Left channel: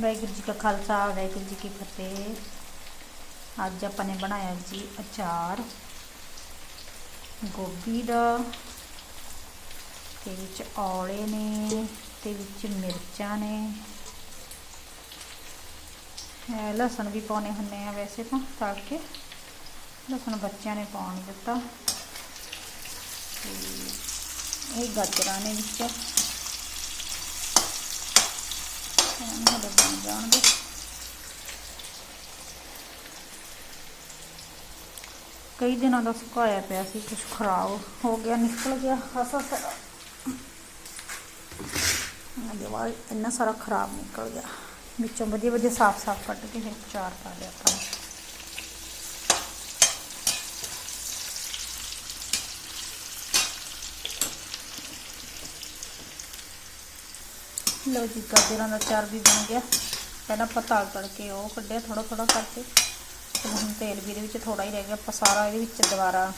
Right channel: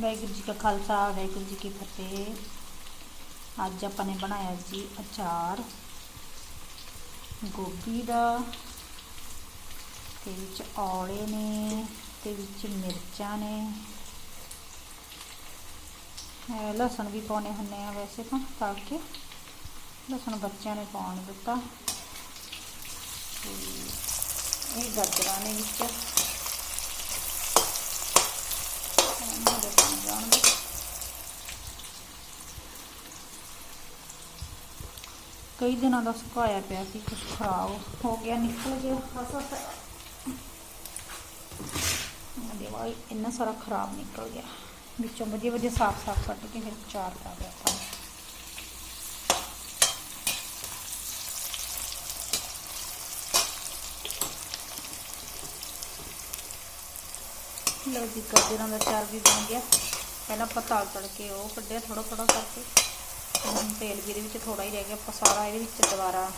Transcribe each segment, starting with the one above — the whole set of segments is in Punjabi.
ਵਾਹਿਗੁਰੂ ਜੀ ਕਾ ਖਾਲਸਾ, ਵਾਹਿਗੁਰੂ ਜੀ ਕੀ ਫਤਿਹ। ਅੱਜ ਆਪਾਂ ਨੇ ਬਣਾਇਆ ਜੀ ਅਚਾਰ, ਗੋਭੀ ਦਾ, ਤੇ ਵਿੱਚ ਔਲੇ ਨੇ, ਤੇ ਵਿੱਚ ਮਿਰਚਾਂ ਨੇ। ਲਸਣ ਵੀ ਪਾਉਣੇ ਹੁੰਦੇ ਆ ਵੈਸੇ ਤਾਂ, ਪਾ ਕੇ। ਲਸਣ ਬੱਚਿਆਂ ਨੇ ਪਾਉਣ ਦਿੱਤਾ। ਤੇ ਇਹ ਗਾਜਰਾਂ ਨੇ ਵਿੱਚ। ਇਹਨਾਂ ਦੇ ਬਣ ਜਾਣਗੇ ਕਈ ਦਿਨਾਂ ਦਾ ਸੁਕਾਇਆ ਪਿਆ ਸੀ ਕੁਝ ਖਰਾਬ ਹੋ ਗਿਆ, ਨਿਕਲ ਗਿਆ ਖਾਸਾ ਸਾਰਾ ਦਿਵਾਈ ਇੰਨਾ ਸਾਰਾ ਖਰਾਬ ਨਿਕਲ ਗਿਆ। ਵਿੱਚੋਂ ਵਧੀਆ ਵਧੀਆ ਸਾਫ਼-ਸਾਫ਼ ਕੱਟ ਕੇ ਫਿਰ ਚਾਰ ਪਾ ਲਿਆ ਆਪਾਂ ਲਓ ਜੀ, ਗਾਜਰਾਂ ਦਾ ਚਾਰ ਵੀ ਬਣ ਗਿਆ। ਪਹਿਲਾਂ ਆਪਾਂ ਤਾਲ ਤੜਕੇ ਉਹ ਕੱਢਿਆ ਥੋੜਾ ਥੋੜਾ ਕਰਕੇ। ਹੁਣ ਤੇਲ ਵੀ ਇਹਦੇ ਵਿੱਚ ਥੋੜਾ ਹੀ ਰਹਿ ਗਿਆ। ਆਪਾਂ ਸਾਰਾ ਇਹਦੇ ਵਿੱਚ ਦੁਬਾਰਾ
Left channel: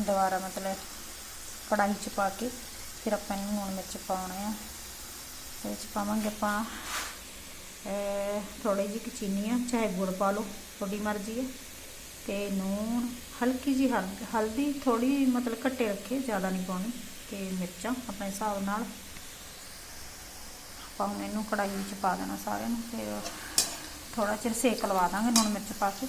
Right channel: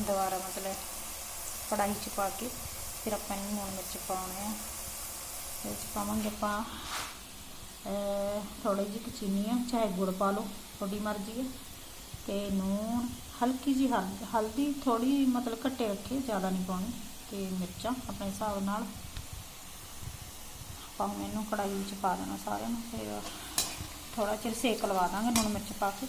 ਦੁਬਾਰਾ ਮਤਲਬ ਕੜਾਹੀ ਚ ਪਾ ਕੇ ਫਿਰ ਆਪਾਂ ਇਹਨੂੰ ਲੂਣ ਮਿਰਚ ਪਾਉਣਾ ਆ। ਇਹਦੇ ਵਿੱਚ ਪਾਵਾਂਗੇ ਆਪਾਂ ਥੋੜੀ ਜਿਹੀ ਚੀਨੀ ਆ, ਚਾਹੇ ਗੁੜ ਪਾ ਲਓ, ਤੁਹਾਡੀ ਮਰਜ਼ੀ ਹੈ ਤੇ ਨੂਣ ਹਲਕੀ ਜੀ ਹਲਦੀ ਹਲਦੀ ਥੋੜੀ ਮਤਲਬ ਘੱਟੇ ਰੱਖੇ, ਜ਼ਿਆਦਾ ਨਹੀਂ ਪਾਉਣੀ। ਤੇ ਮਿਰਚਾਂ, ਆਪਣੇ ਹਿਸਾਬ ਨਾਲ ਆਪਾਂ ਹੁਣ ਇਹਨੂੰ ਕੜਾਈ ਵਿੱਚ ਪਾ ਦੇਣਾ ਸਾਰਿਆਂ ਨੂੰ, ਫਿਰ ਥੋੜਾ ਚਿਰ ਸੇਕ ਲਵਾ ਦਾਂਗੇ ਲੂਣ ਮਿਰਚ ਪਾ ਕੇ।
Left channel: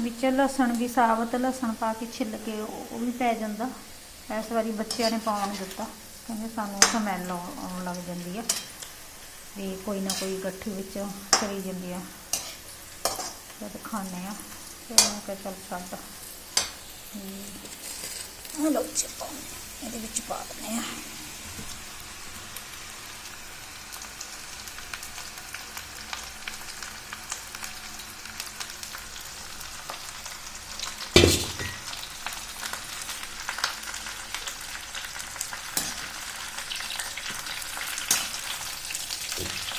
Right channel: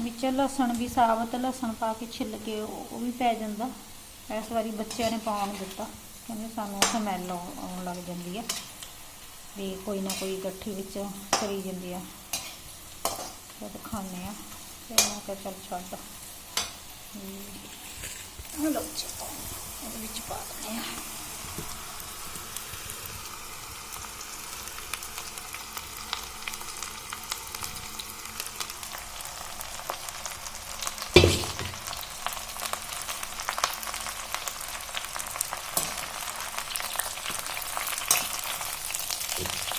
ਵਿੱਚ ਲਸਣ ਵੀ ਸਾਬਤ ਲਸਣ ਪਾ ਕੇ ਛਿੱਲ ਕੇ ਉਹ ਵੀ ਪੈ ਜਾਂਦਾ। ਇਸ ਵਾਰੀ ਬੱਚਿਆਂ ਨੇ ਪਾਉਣ ਦਿੱਤਾ, ਕਹਿੰਦੇ ਸਾਨੂੰ ਸਮੈਲ ਆਉਣ ਲੱਗ ਜਾਂਦੀ ਆ, ਵੀ ਕੋਈ ਨਾ ਕੋਈ ਗੱਠੀ ਵਿੱਚ ਚਲੀ ਜਾਂਦੀ ਆ। ਜਦ ਖਾਣੇ ਆ, ਫਿਰ ਮੈਂ ਕਿਹਾ ਚੱਲ ਛੱਡ। ਇਹ ਲਓ ਜੀ ਇਹਦੇ ਵਿੱਚ ਪਾ ਦਿੰਦੇ ਆ ਨੂਣ ਮਿਰਚ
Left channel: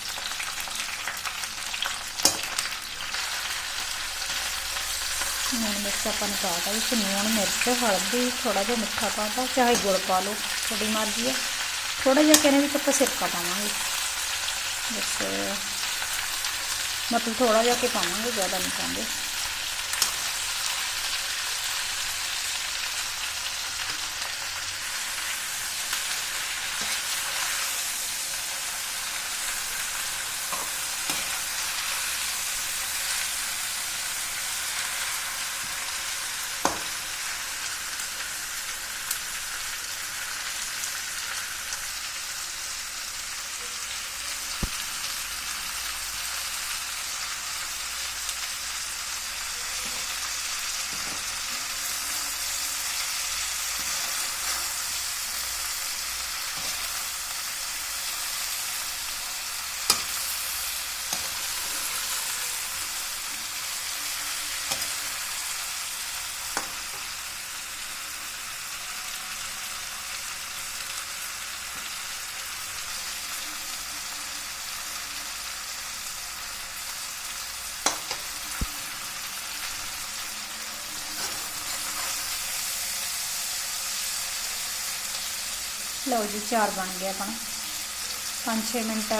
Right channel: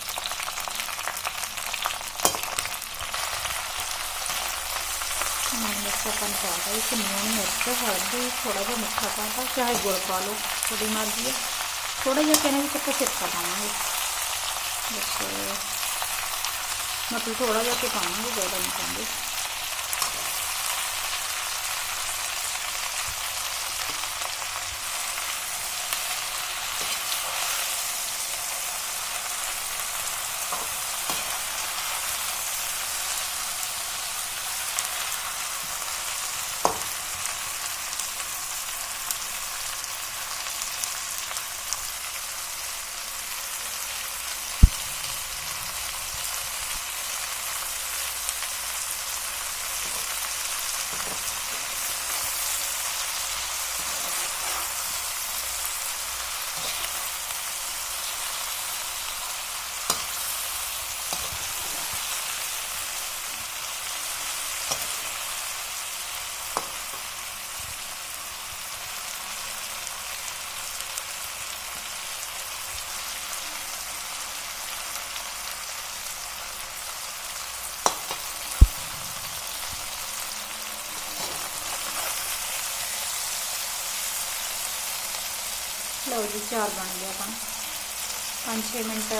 ਆਪਾਂ ਨੇ ਪਾਤਾ ਇਸ ਨੂਣ ਮਿਰਚ, ਹਲਦੀ ਥੋੜਾ ਜਿਹਾ ਮਿੱਠਾ ਪਾਤਾ ਚਾਹੇ ਗੁੜ ਪਾ ਲਓ, ਤੁਹਾਡੀ ਮਰਜ਼ੀ ਹੈ। ਥੋੜਾ ਜਿਹਾ ਕਹਿੰਦੇ ਵਿੱਚ ਆਪਾਂ ਸਿਰਕਾ ਪਾਵਾਂਗੇ। ਵਿੱਚ ਮਤਲਬ ਥੋੜਾ ਜਿਹਾ ਕਿ ਪਾਵਾਂਗੇ, ਜ਼ਿਆਦਾ ਨਹੀਂ ਪਾਉਂਦੇ। ਲਓ ਜੀ, ਚਾਰ ਬਣ ਗਿਆ ਆਪਣਾ 5-6 ਮਿੰਟ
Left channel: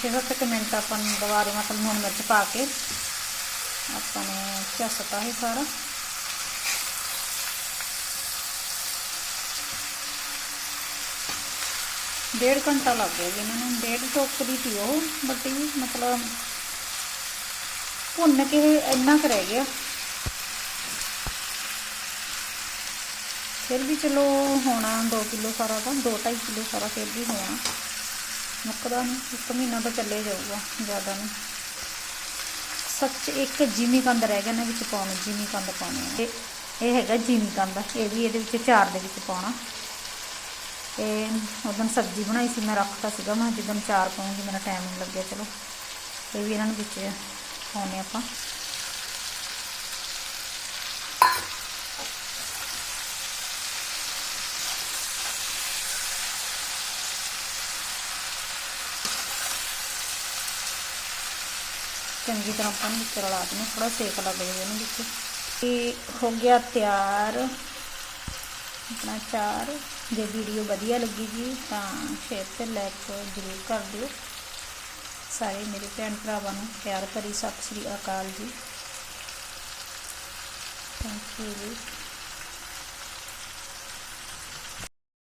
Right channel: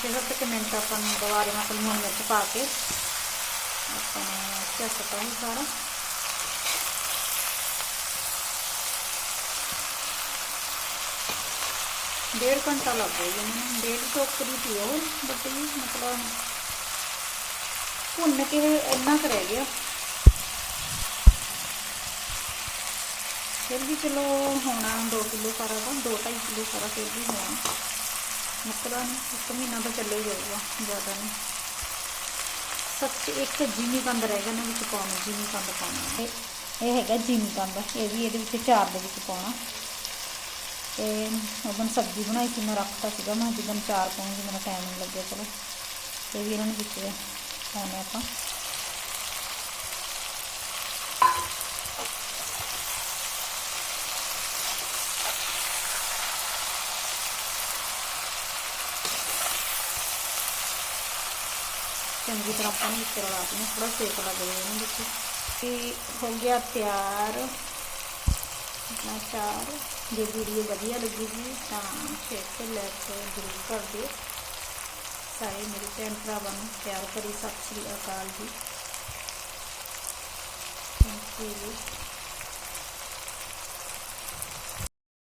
6-7 ਮਿੰਟ ਆਪਾਂ ਨੂੰ ਦੁਬਾਰੇ ਮਤਲਬ ਲੂਣ ਮਿਰਚ ਪਾ ਕੇ। ਆਪਾਂ ਨੇ ਝੱਸਤਾ ਹੀ ਸਾਰਾ। ਡੇਢ ਘੰਟਾ ਲੱਗ ਗਿਆ ਜੀ ਇਹਨਾਂ ਨੂੰ। ਡੇਢ ਟੋਕਰੀ ਸੀ ਉਹ ਬਟ ਇਹ ਮਤਲਬ ਭੁੰਨ ਕੇ ਇੰਨਾ ਕੁ ਰਹਿ ਗਿਆ। ਫਿਰ ਵੀ ਚਲੋ ਹੋਣਾ 2 ਕਿਲੋ ਸਾਰਾ ਦਾ 2.5 ਕਿਲੋ ਸਾਰਾ ਫਿਰ ਵੀ ਹੋਣਾ। ਮੁੱਕਦਾ ਨਹੀਂ ਇੱਕ ਮਹੀਨਾ ਤਾਂ ਚੱਲੇ ਜਾਊਗਾ, ਜ਼ਿਆਦਾ ਨਹੀਂ ਸੱਚ, ਇੱਕ ਜੀਨੀ ਕੰਦ ਰਹਿ ਗਿਆ ਨਾ ਵਿੱਚ ਪਾਉਣਾ ਜੀਨੀ ਕੰਦ ਪਾਉਣਾ। ਇਹ ਇਹ ਹੈਗਾ ਜੀਨੀ ਕੰਦ, ਇਹ ਵੀ ਇਹਦੇ ਵਿੱਚ ਚਾਰ ਦੇ ਵਿੱਚ ਪਾਉਣਾ। ਇਹ ਉਦੋਂ ਸਬਜ਼ੀ ਬਣਾਈ ਸੀ, ਮੈਂ ਰੱਖਤਾ ਸੀਗਾ, ਮੈਂ ਜਦੋਂ ਚਾਰ ਪਾਉਂਗੀ, ਮੇਰਾ ਟਾਈਮ ਨਹੀਂ ਲੱਗਿਆ, ਚਲੋ। ਇਹ ਵੀ ਇਹਨਾਂ ਨੂੰ ਵਿੱਚ ਪਾਉਣੇ ਆਪਾਂ। ਚੰਗੀ ਤਰ੍ਹਾਂ ਆਪਾਂ ਨੂੰ ਵਿੱਚ ਰਲਾ ਦੇਣਾ ਥੋੜਾ ਸੇਕ ਲੱਗ ਜਾਵੇ ਇਹਨੂੰ ਵਿੱਚ। ਤੇ ਹੋ ਗਿਆ ਤਿਆਰ। ਆਪਣਾ ਚਾਰ। ਜੇ ਵੀਡੀਓ ਵਧੀਆ ਲੱਗੇਗੀ ਤਾਂ ਸ਼ੇਅਰ ਤੇ ਲਾਈਕ ਜ਼ਰੂਰ ਕਰ ਦਿਓ। ਸਾਰੇ ਮੇਰੇ ਭੈਣ ਭਰਾਵਾਂ ਨੂੰ ਪਿਆਰ ਭਰੀ ਸਤਿ ਸ੍ਰੀ ਅਕਾਲ ਜੀ। ਥੈਂਕ ਯੂ ਜੀ